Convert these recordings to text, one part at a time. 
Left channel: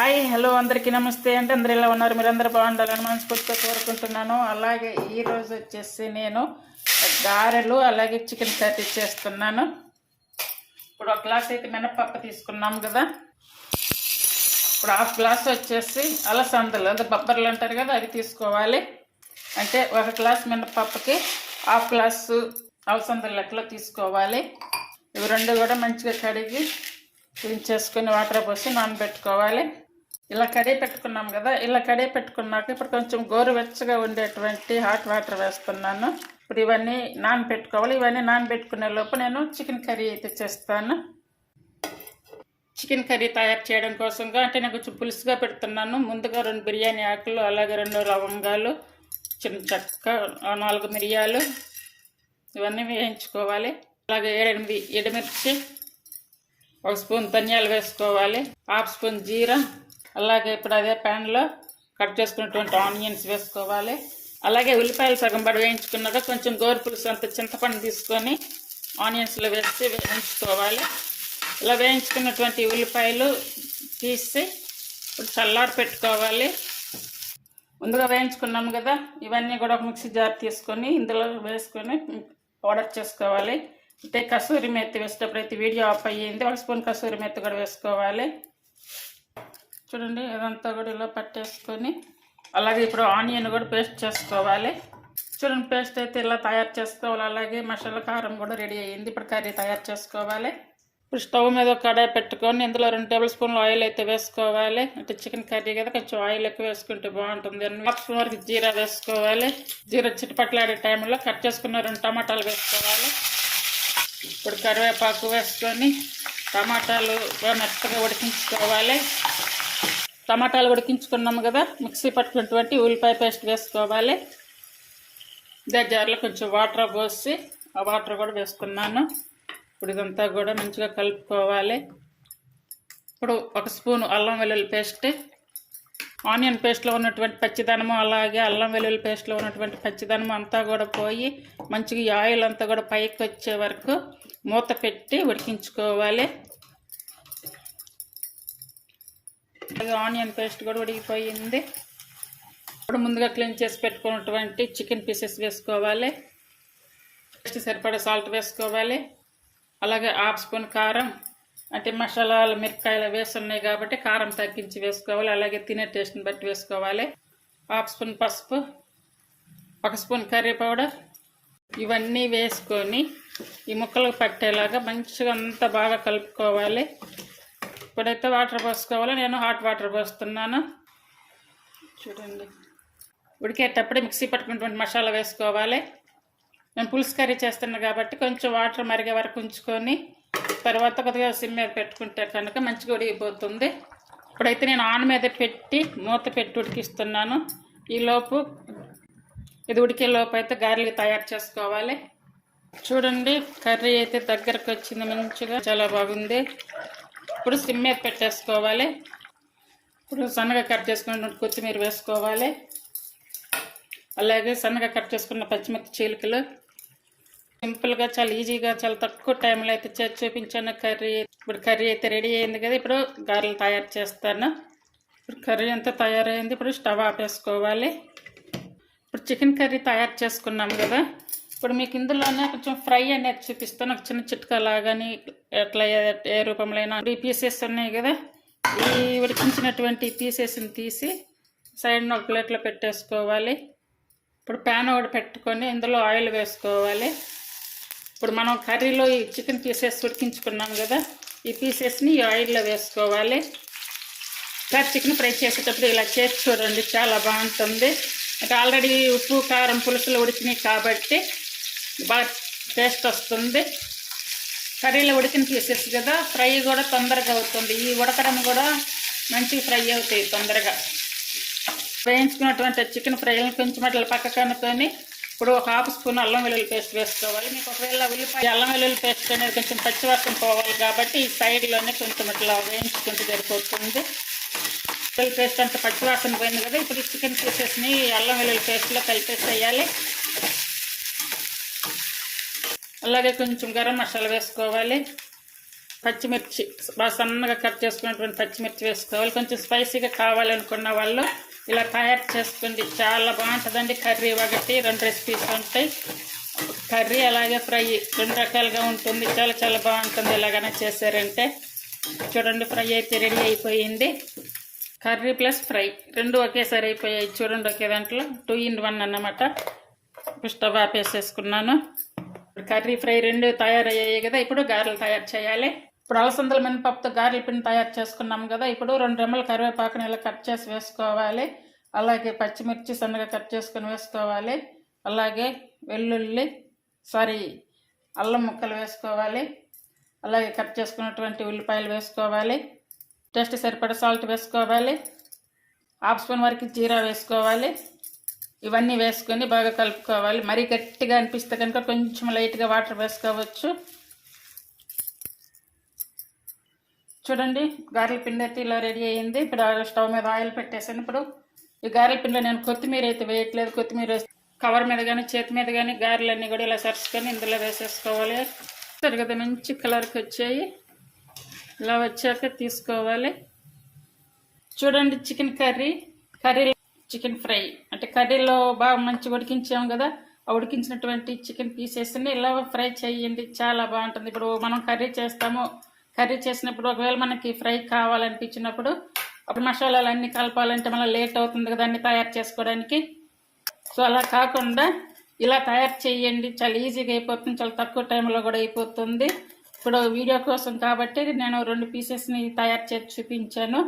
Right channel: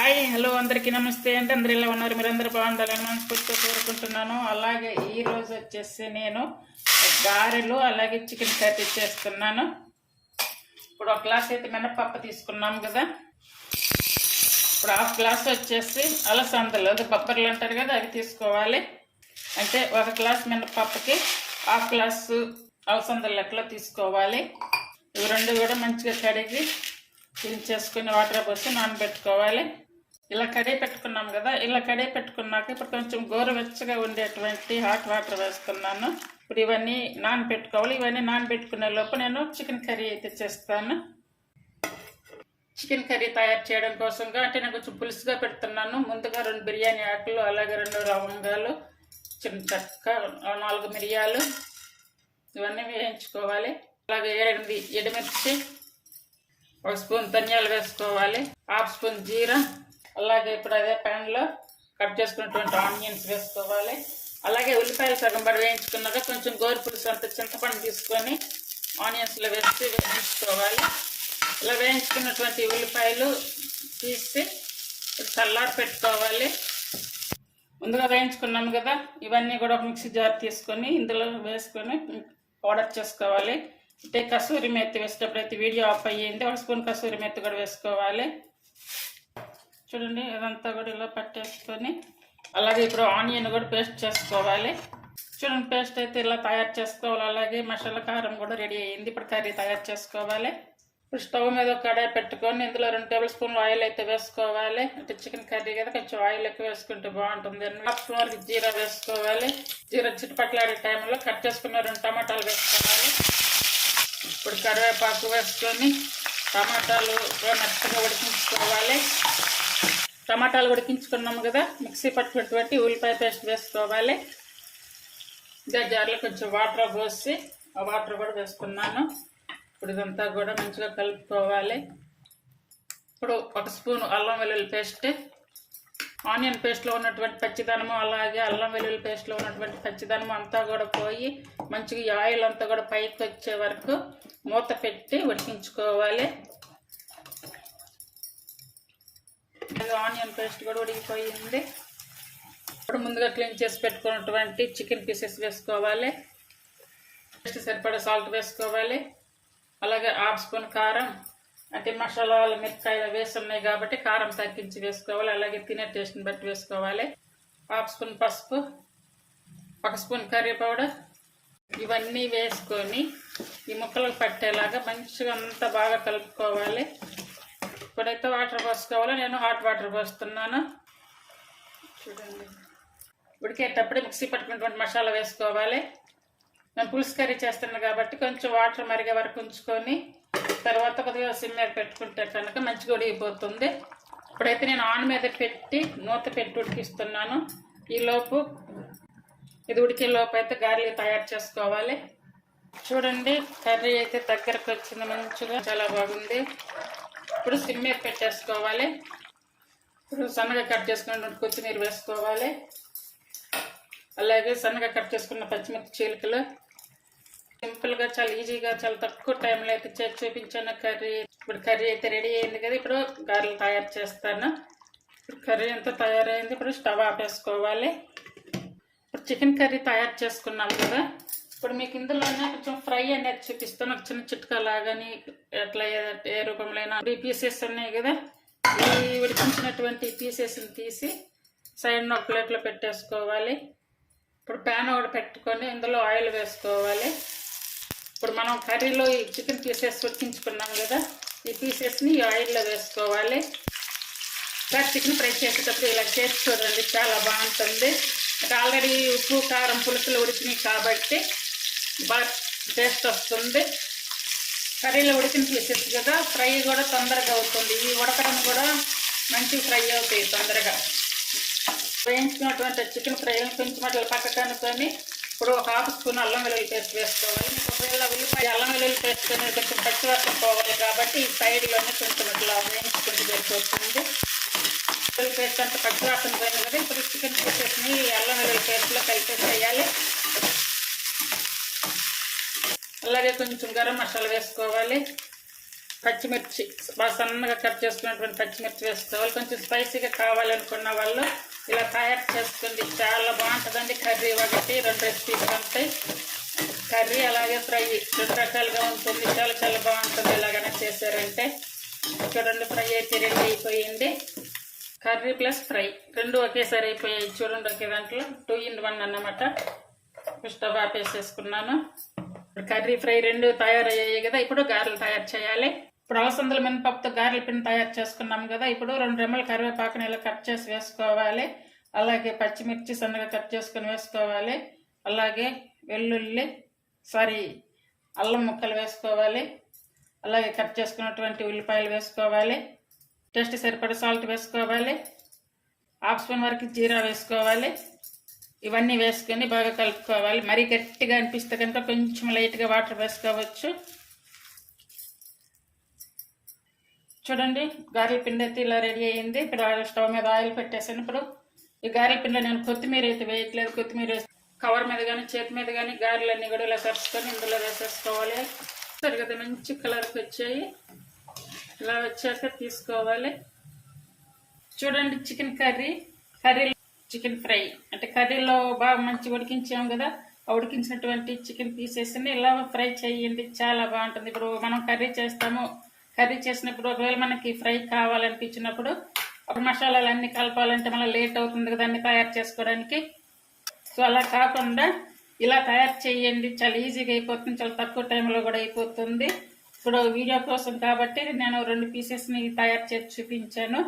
Hi hello అందరికీ నమస్తే అండి. అందరు ఎలా ఉన్నారు? మీరందరూ బాగుండాలని మనస్ఫూర్తిగా కోరుకుంటున్నాను. అలాగే ఈరోజు వచ్చేసి నేను గారెలు అలాగే చికెన్ కర్రీ చేస్తున్నాను. ఇప్పుడు ఒక గ్లాస్ అయితే మినపప్పు తీసుకున్నాం కదా. ఇప్పుడు హాఫ్ గ్లాస్ వచ్చేసి అలసందలు అదే బొబ్బర్లు అంటారు కదా, అవి తీసుకోవాలి. అంటే ఒక గ్లాస్ మినపప్పుకి హాఫ్ గ్లాసు అలసందలు లెక్కలో తీసుకోవాలి. ఇవి రెండు కూడా మంచిగా కడిగి క్లీన్ చేసుకుని వాటర్ పోసి నానబెట్టుకోవాలి. ఇలా కడిగి పెట్టుకున్నాం కదా, ఇలా కడిగి పెట్టుకున్నాక ఇప్పుడు కొంచెం గోరువెచ్చగా ఉండేటువంటి హాట్ వాటర్ వేస్తున్నాను. ఇప్పుడు ఇవన్నీ నానబెట్టుకోవాలి. ఇవన్నీ నానబెట్టుకునే లోపు నేను చికెన్ కర్రీ అయితే చేస్తాను. చికెన్ కర్రీ తయారు చేయడం కోసంగా అంటే నేను కొంచెం పులుసుగా పెడుతున్నాను. ముందుగా 2 బిర్యానీ ఆకులు, అలాగే 2 లవంగాలు, చిన్న చెక్క, 4 మిరియాలు ఇవన్నీ వేయించుకోవాలి. అలాగే 7-8 ఎండుమిర్చి, 1 స్పూన్ ధనియాలు వేసుకోవాలి, హాఫ్ స్పూన్ జీరా, అలాగే ఇప్పుడు అదే ప్యాన్లో కట్ చేసుకున్నటువంటి ఆనియన్స్ వేసుకోవాలి. అలాగే ఉల్లిపాయలు సగం పడి వేయించుకున్నాక కొంచెం గోరు పులుసు అంత చింతపండు తీసుకొని ఆనియన్స్లో వేసి వేయించుకోవాలి. ఇలా వేయించుకున్నటువంటి ఉల్లిపాయలు తీసి చల్లారి పెట్టుకోవాలి. ముందుగా వేయించుకున్నాము కదా, ఇవన్నీ కూడా ఒక మిక్సీ జార్ తీసుకొని ఇందులో వేసుకొని పౌడర్ చేసుకోవాలి. అంటే కసూరి మెత్తి వేసేటప్పుడు అయితే వీడియో ఆఫ్ అయ్యింది. 1 స్పూన్ కసూరి మెత్తి కూడా వేసుకోవాలి. చూడండి, ఇదంతా కూడా ఇలా పట్టేసుకొని అలాగే ఇప్పుడు ఆనియన్ కూడా పేస్ట్ చేసుకోవాలి. చూడండి, పేస్ట్ అయితే ఇలా తయారు చేసుకోవాలి. అలాగే మసాలా కారం కూడా రెడీ అయ్యింది. ఇప్పుడు కర్రీ తయారు చేసుకోవాలి. ఇప్పుడు స్టవ్ మీద ఒక కడాయి పెట్టుకొని ఇందులో 2 టేబుల్ స్పూన్లు ఆయిల్ అయితే వేసుకోవాలి. అంటే చికెన్ కర్రీ కదా, కొంచెం ఆయిల్ ఎక్కువ వేసుకుంటే బాగుంటుంది. 1/2 స్పూన్ వరకు జీరా వేసుకోవాలి. జీరా చిట్టుపట్లాడే టైంలో కట్ చేసుకున్న 2 టమాటాలు వేసుకోవాలి. ఇప్పుడు కరివేపాకు వేసుకొని టమాటాలు మెత్తగా ఉడికించుకోవాలి. టమాటాలు ఉడికించుకున్నాము కదా, మిక్సీ పట్టుకున్నటువంటి ఉల్లిపాయ పేస్ట్ వేసుకోవాలి. ఇదే జార్లో కొంచెం వాటర్ పోసి ఆ వాటర్ కూడా వేసుకున్నాను. ఇప్పుడు ఇదంతా కూడా మంచిగా కలుపుకోవాలి. ఇప్పుడు 1 స్పూన్ అల్లం వెల్లుల్లి పేస్ట్, ఆనియన్ పేస్ట్లో ఉన్నటువంటి పచ్చిదనము అలాగే అల్లం వెల్లుల్లి పేస్ట్లో ఉన్నటువంటి పచ్చిదనము అంతా కూడా పోయి మంచిగా ఈ ఆయిల్ అంతా కూడా పైకి వచ్చే వరకు మూత పెట్టి ఉడికించుకోవాలి. ఆనియన్ పేస్ట్ కూడా ఉడికిపోయింది. ఇప్పుడు ముందుగా క్లీన్ చేసి పెట్టుకున్నటువంటి చికెన్ పీసెస్ వేసుకోవాలి. టేస్ట్ సరిపడా సాల్ట్ వేసుకోవాలి. అలాగే 1/2 స్పూన్ కారం, అంటే మసాలాలు మిరపకాయలు వేస్తున్నాయి కాబట్టి కారం తగ్గించి వేసుకోవాలి. అలాగే తినే టేస్ట్ని బట్టి వేసుకోవాలి. 1/2 స్పూన్ పసుపు, 1 స్పూన్ కర్రీ పౌడర్ ఇవన్నీ వేసుకొని ఈ ముక్కలు పట్టేలాగా మంచిగా అంతా బాగా కలుపుకోవాలి. ఇప్పుడైతే వాటర్ పోసుకోవాలి. నేను హాట్ వాటర్ పోస్తున్నాను. చూడండి, ఉడికేటప్పుడు మిక్సీ పట్టుకున్నటువంటి మసాలా వేసుకోవాలి. నేను పులుసు కర్రీ చేస్తున్నాను కాబట్టి కొంచెం వాటర్ మరిగే వరకు ఉంచుకొని తర్వాత కొద్దిగా సిమ్ మీద పెట్టుకుంటే కనుక మంచిగా ఉడికిపోతుంది. ఇప్పుడైతే నేను ఆన్ మీద పెట్టి మూత పెట్టి ఉడికిస్తున్నాను. ఈలోపు ఇది ఉడికే లోపు అయితే గారెలు తయారు చేసుకోవాలి. చూడండి, కర్రీ అయితే దగ్గరకు వచ్చింది, మంచిగా చాలా బాగుంది. ఇప్పుడు సిమ్ మీద పెట్టేసుకోవాలి. ఇప్పుడు సన్నగా కట్ చేసుకున్న కొత్తిమీర వేసుకోవాలి. అలాగే సన్నగా కట్ చేసుకున్న పచ్చిమిర్చి చీలికలు. సింపుల్గా చాలా ఈజీగా చాలా తక్కువ టైంలో అయితే చేసి చూపించాను కర్రీ. ఇప్పుడు కర్రీ అయితే రెడీ అయింది కదా, ఇప్పుడు గారెలు తయారు చేస్తాను. ఇప్పుడు కర్రీ అంతా తయారైంది. ఇప్పుడు స్టవ్ ఆపేసుకోవాలి. ఇప్పుడు చికెన్ కర్రీ తయారు చేసుకున్నాం కదా, ఇప్పుడు మీకు ఇందులోనే కొంచెం ఫ్రై అనేది చూపిస్తాను. ఒక చిన్న చిట్కా లాగాని ఎట్లా ఏ రూపంలో అయినా. ఈ పీసెస్ ఉన్నాయి కదా, ఈ ఉడికించినటువంటి పీసెస్ని తీసి సైడ్న ఒక ప్లేట్లో పెట్టేసుకోవాలి. ఇప్పుడు ప్యాన్ ఒకటి పెట్టుకొని ఇందులో ఆయిల్ వేసుకోవాలి. ఇప్పుడు మనం కర్రీలో ఈ చికెన్ పీసెస్ ఉడికించుకున్నాం కదా, ఈ పీసెస్ని ఈ ఆయిల్లో వేసుకోవాలి. ఇంకా చికెన్ ఫ్రై చేసేటప్పుడు ఇలా చేసి చూడండి, చాలా బాగుంటుంది. అంటే ఆల్రెడీ ఉప్పు కారం పులుసులు ఉడికినాయి కాబట్టి బాగా టేస్ట్ వస్తుంది. కర్రీలో ఉడికిన పీసెస్ కదా, ఫ్రై కూడా తొందరగా అవుతుంది. ఈ ఉడకడం కూడా మంచి ఫ్రై అవుతాయి తొందరగా. వేయించుకున్నటువంటి చికెన్ ఫ్రైని కొంచెం అట్లా పక్కకు అనుకొని ఇప్పుడు 1/2 స్పూన్ అల్లం వెల్లుల్లి పేస్ట్ వేసుకోవాలి. మీకు ఒకవేళ ఉల్లిపాయ అల్లం వెల్లుల్లి పేస్ట్ అనేది కొంచెం పచ్చివాసన పోవాలి కాబట్టి ఈ సైడ్లోనే కొంచెం ఇట్లా వేయించుకుంటూ సరిపోతుంది. వెల్లుల్లి పేస్ట్ అంతా పచ్చివాసన పోయింది కదా, ఇప్పుడు చికెన్ పీసెస్ని అల్లం వెల్లుల్లి పేస్ట్లో కలిపేసేయాలి. అలాగే కొంచెం గరం మసాలా వేసుకోవాలి. పచ్చిమిర్చి బాగా సన్నగా కట్ చేసుకున్నటువంటి పచ్చిమిర్చి వేసుకోవాలి. కొంచెం స్పైసీగా కావాలనుకున్న వాళ్ళు ఇలా తయారు చేసుకోండి, చాలా బాగుంటుందండి. కర్రీ ఒకటి 2 రెసిపీస్ ఉంటాయి. కర్రీ అలాగే ఫ్రై 2 రకాలుగా ఉంటుంది. చాలా చాలా బాగుంటుంది ఇలాగనే చేశారంటే. చూడండి, ఫ్రై అయితే రెడీ అయిపోయింది. కర్రీ ప్లస్ ఫ్రై 2 ఒకేసారి అయిపోయాయి. చూడండి, ఒకే దాంట్లో 2 in 1 అన్నమాట. స్టవ్ ఆపేసేసుకున్నాను. కర్రీ ఫ్రై 2 తయారయ్యాయి కదా. ఇప్పుడు గారెలు తయారు చేయాలి. ఇప్పుడు అలసందల మినపప్పుతో గారెల పిండి తయారు చేసుకున్నాం కదా. ఇప్పుడు 2 రెమ్మల కరివేపాకుని ఇలా కట్ చేసి వేసుకోవాలి. అలాగే పచ్చిమిర్చి సన్నగా కట్ చేసుకొని వేసుకోవాలి. అలాగే వెల్లుల్లి అల్లం ముక్కలు వేసుకోవాలి. అలాగే కట్ చేసుకున్నటువంటి ఉల్లిపాయలు వేసుకోవాలి. టేస్ట్ సరిపడా సాల్ట్ వేసుకోవాలి. 1/2 స్పూన్ వరకు జీరా వేసుకోవాలి. ఇవన్నీ వేసుకొని బాగా కలుపుకోవాలి. మరీ గట్టిగా అనిపిస్తే కనుక కొంచెం లైట్గా వాటర్ వేసుకోవచ్చు. చూడండి, గారెల పిండి అయితే ఇలా రెడీ అయ్యింది. ఇప్పుడు స్టవ్ మీద ఆయిల్ పెట్టేసాను. ఇప్పుడు ఈ గారెల పిండిలో నేను కొత్తిమీర అయితే వేయట్లేదు. కొత్తిమీర కవర్ మీద కానీ చేతి మీద కానీ గారెలన్నీ కూడా ఇలా సరుచుకొని ఇందులో వేసేసుకోవాలి. సరిగ్గా మంచి కలర్కి వచ్చాయి. ఇలా వచ్చాక తీసుకోవాలి. చూడండి, చికెన్ కర్రీ చికెన్ ఫ్రై అంటే కర్రీలో బాగా మంచి ఉడికించాం కదా. ఆ ఉడికించినటువంటి చికెన్ పీసెస్ని ఇలా ఫ్రై చేయండి, చాలా బాగుంటుంది. ఇప్పుడు మనం కర్రీ చేస్తాము. కర్రీ చేసినప్పుడు ఒకవేళ మనకి ఫ్రై కావాలనిపించినప్పుడు అప్పుడు మసాలాలు అన్నీ కలపాలంటే మళ్ళీ లేట్ అవుతుంది కదా అన్ని తయారు చేసుకోవడానికి. సో అలా కాకుండా ఇలా తయారు చేయండి, చాలా ఈజీగా అయిపోతుంది. చాలా తక్కువ టైంలో కూడా అయిపోతుంది. ఇప్పుడు వీడియో కోసం కాబట్టి నేను 2 పీసెస్ని తయారు చేసి చూపించాను.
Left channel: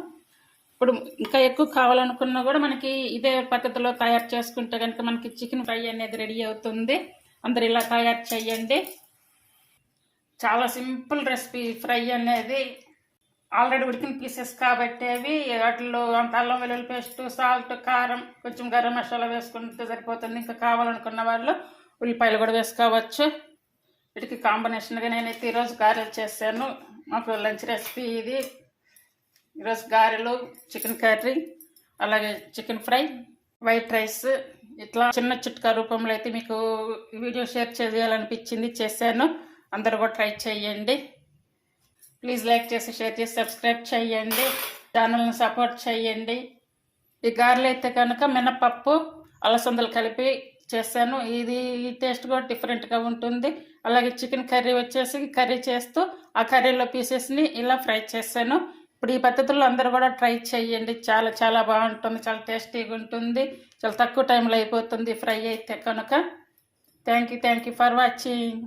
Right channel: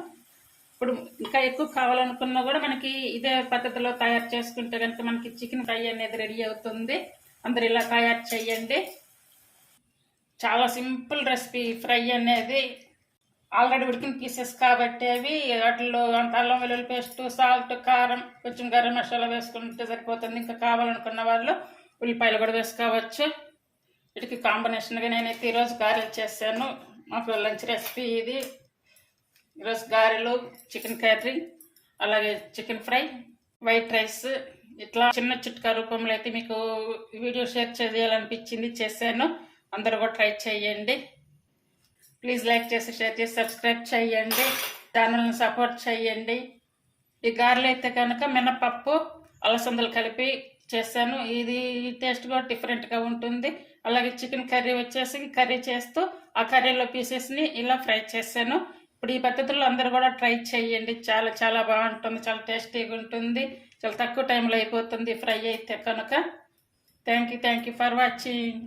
ఇప్పుడు ఇంకా ఎక్కువ కావాలనుకున్నా కూడా మనకి ఇదే పద్ధతిలో తయారు చేసుకుంటే కనుక మనకి చికెన్ ఫ్రై అనేది రెడీ అవుతుంది. అందరు ఇలా తయారు చేయండి. చాలా సింపుల్ రెసిపీ. ఫ్రై అనేది ఆల్రెడీ ఉడికిన పీసెస్ కాబట్టి అవి వాటిలో అంత అల్లం వెల్లుల్లి పేస్ట్, సాల్ట్, కారం, కొంచెం గరం మసాలా వేసుకుంటే సరిపోతుంది. ఇంకా కావాలనుకున్న వాళ్ళు ఉల్లిపాయలు కూడా వేసుకోవచ్చు. వీటికి కాంబినేషన్గా నేనైతే ఈరోజు గారెలు చేశాను. మాకు లంచ్ రెసిపీ ఇది. ఈరోజు గారెలు, చికెన్ కర్రీ, అలాగే చికెన్ ఫ్రై, వైట్ రైస్, ఇట్లా చిన్న చిట్కా రూపంలో అయితే మీకు వీడియో షేర్ చేయాలనిపించింది, చేశాను. అందరూ కూడా ట్రై చేయండి. ప్లీజ్ లైక్ చేసి, షేర్ చేసి, సబ్స్క్రైబ్ చేయండి. ఛానల్ని సపోర్ట్ చేయండి. ఈ గారెలు అయితే కనుక మినపప్పు, అలసందలు కలిపి చేశాను. ఇది టేస్ట్ కూడా డిఫరెంట్గా ఉంటుంది. అలాగే చికెన్ కర్రీ వచ్చేసి కర్రీ చేస్తూ ఆ కర్రీలో పీసెస్ని ఇలా ఫ్రై చేశాను. ఇప్పుడు ఈ పద్ధతుల్లో అందరూ కూడా ట్రై చేయండి. చాలా చాలా బాగుంటుంది, చాలా టేస్టీగా ఉంటుంది. చాలా తక్కువ టైంలో అయిపోతుంది ఫ్రై అయితే కనుక. Thank you for watching.